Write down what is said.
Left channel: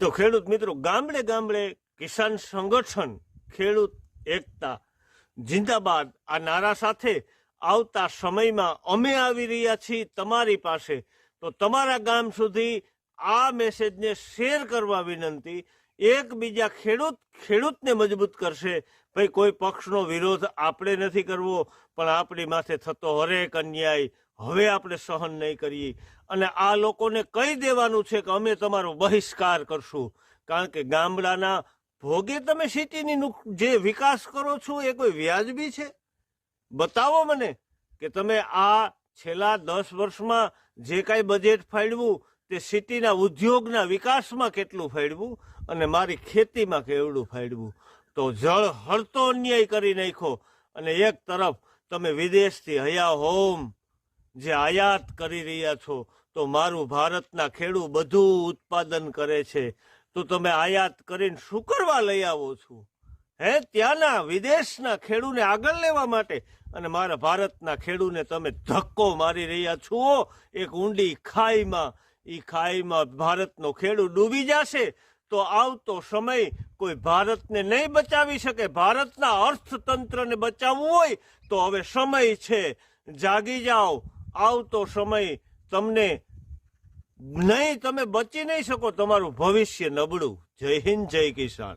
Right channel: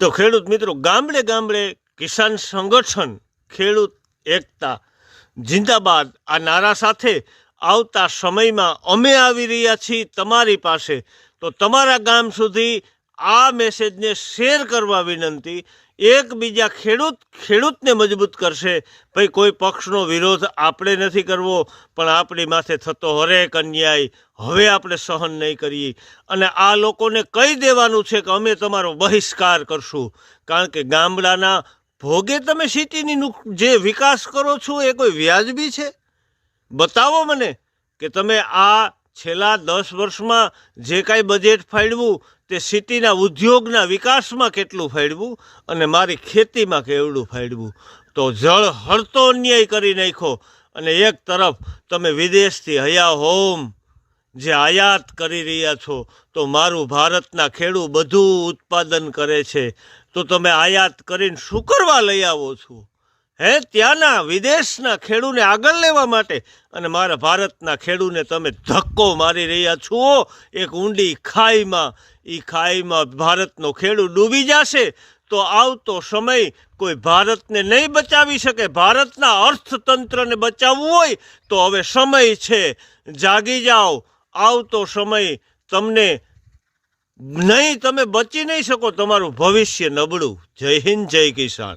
તો ખેડૂત મિત્રો, ગામડે ગામડે કિસાન સંગઠન, ખેડૂત એકતા, જિંદાબાદ આ નારા સાથે આવતા સમયમાં અમે આવી રહ્યા છીએ તમારી પાસે. તો તમારા ગામ સુધી આ મેસેજને શેર કરવા વિનંતી એકબીજા ખેડૂત, ખેડૂતને મજબૂત કરશે. ભાઈ, કોઈ પક્ષનો વિરોધ આપણે નથી કરવો, પણ આપણી માથે થતો હરેક અન્યાય હવે આપણે સહન નહીં કરીએ. અને આ લોકોને કહી દેવાનું છે કે અમે તમારો બહિષ્કાર કરશું. કારણ કે ગામડાના ભોગે તમે સિટીની જે વિકાસ કરો છો એ કોઈ વ્યાજબી છે? બતાવો મને કે તમે આ છેલ્લા દસ વર્ષમાં જે કાંઈ બજેટ ફાળવું તે સિટીના ઉદ્યોગના વિકાસમાં કેટલું ફાળવું અને મારી ખેતીમાં કેવડું ફાળવું તો જળ હળતો અન્યાય કરી નાખ્યો અને એક તરફ તમે વિદેશથી હયા હોમ જે આયાત કરી રહ્યા છો, તો મારું ભારતના ખેડૂત બધું ઉત્પાદન કરે છે. તો તમે આયાત કરીને શું કરવા લઈ આવો છો? હે, ત્યાંના વિદેશના ખેડૂને આગળ લેવા માટે અને મારા ભારતના ખેડૂને તમે ધક્કો મારી રહ્યા છો. એક ઊંડી ખાઈમાં એ ખાઈમાં ભારતનો ખેડૂત ડૂબી જશે તો આવતો સમય કોઈ ભારતને નહીં બચાવી શકે. ભારતના અર્થતંત્રને બચાવવું હોય તો હવે સમય છે. જાગી જાઓ. આવતો સમય તમને નહીં, તમે બચી નહીં શકો. તમારું ભવિષ્ય નબળું. જય હિન્દ, જય કિસાન.